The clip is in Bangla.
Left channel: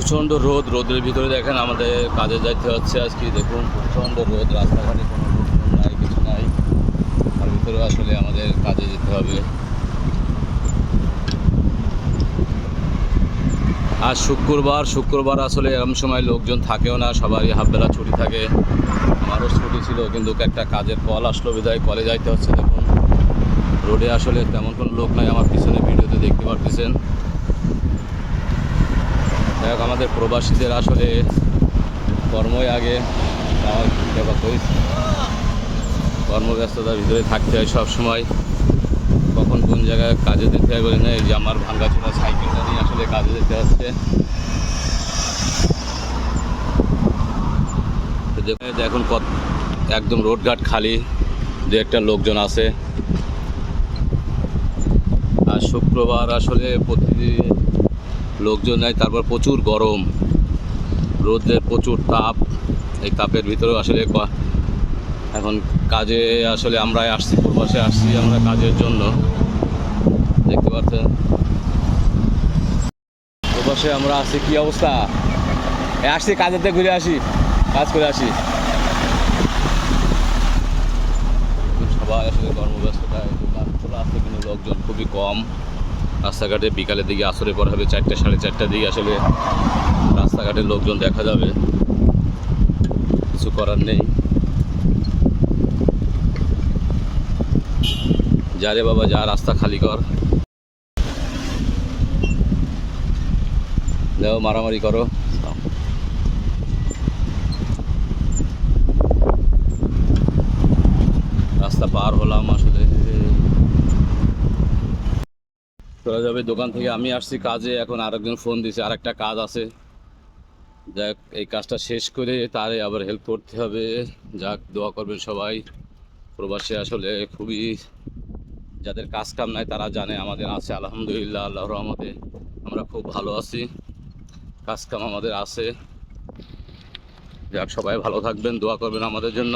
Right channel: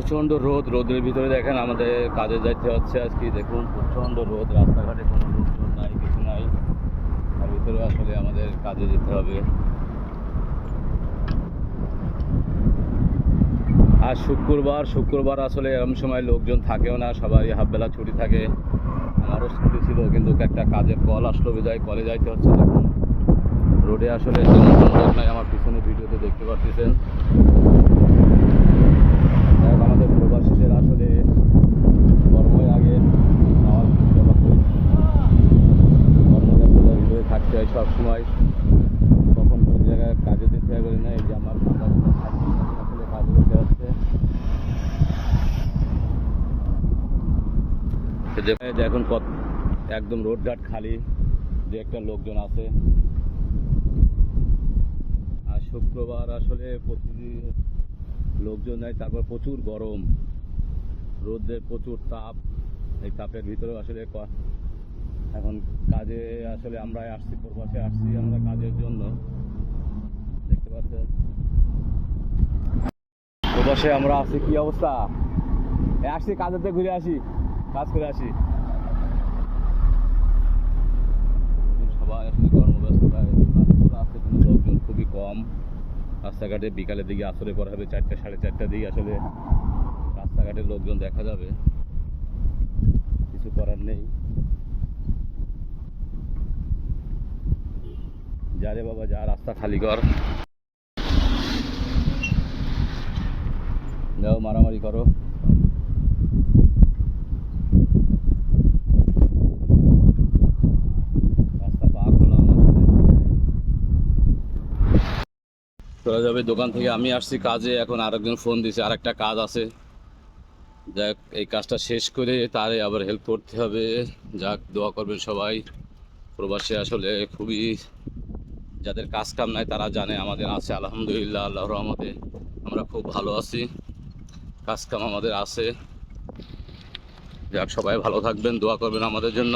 প্রচণ্ড রোদ, রোদের ভিতরে দেখেন আমাদের কাজে যাইতে হচ্ছে আজকে। দেখুন প্রচণ্ড রোদ, রাস্তাঘাটে কোনো লোকজন নাই, কিছু নাই, তার ভিতরে আসলে আমাদের কাজে যেতে হবে। আজ শুক্রবার আসলে এরকম সময় লোকজন থাকেও না, সবারই হাফবেলা ছুটি থাকে। আমারও ছুটি ছিল, কিন্তু একটা কাজের কল আসলো বিদায় কলে যাইতে হচ্ছে। দেখুন রোডে আসলে তেমন কোনো লোক নাই, আমার পিছনে ভিডিওতে দেখতে পাচ্ছেন। আমাদের প্রবাসীদের আসলে কর্মই আগে, কর্মব্যস্ততার ভিতরে থাকতে হয় সব সময়। কখন কোন জায়গায় কাজে যেতে হয় বলে না, এই যে আমার ভাঙ্গাচোরা সাইকেলটা নিয়ে আসলে কাজে যেতে হচ্ছে। দেখুন একদম রোডঘাট খালি, দু একটা লোকজন আছে। আর শুক্রবার আসলে প্রতিদিন লোকজন নাই, তারপর প্রচুর গরম, রোদের প্রচুর তাপ। এই তাপের ভিতরেও আসলে এখন কাজে আসলে আমরা আসছি, প্রবাসে আসছি আমরা কাজের জন্য। দেখতে পাচ্ছেন প্রবাসে আমরা আসছি, কি অবস্থা। আসছি কাজের থেকে ঘুরে আসি, কাজ করে আসি। সবাই আসলে কর্মব্যস্ততা, কাজগুলো আসছে, কিন্তু লোকজন খুবই কম। রাস্তাঘাটে বিকালের দিকে আসরে পর হবে 4টা সাড়ে 4টার দিকে আসলে রাস্তাঘাটে লোকজন দেখা যাবে, কিছু করার নেই। যা রে বাবা যা, রাস্তা খালি কর, যাও মারামারি করো। রাস্তা পার হলাম, আসলে চলে যাবে দোকান থেকে। আমি আসছি কাজে, এখন আরেকজন ফোন দিছে, আরেকটা কাজ আছে। যাক এই কাজটা শেষ করে তারে আবার হেল্প করতে হবে। যাক দোয়া করবেন সবাই। প্রবাসে আসলে খুবই, যাদের কাজ কাম নাই তারা জানে, আমাদের আছে আলহামদুলিল্লাহ, আল্লাহর রহমতে আমরা খুব ভালো আছি, কাজ কাম আমাদের আছে। যাক সবাই ভালো থাকবেন, দোয়া করবেন আমাদের জন্য।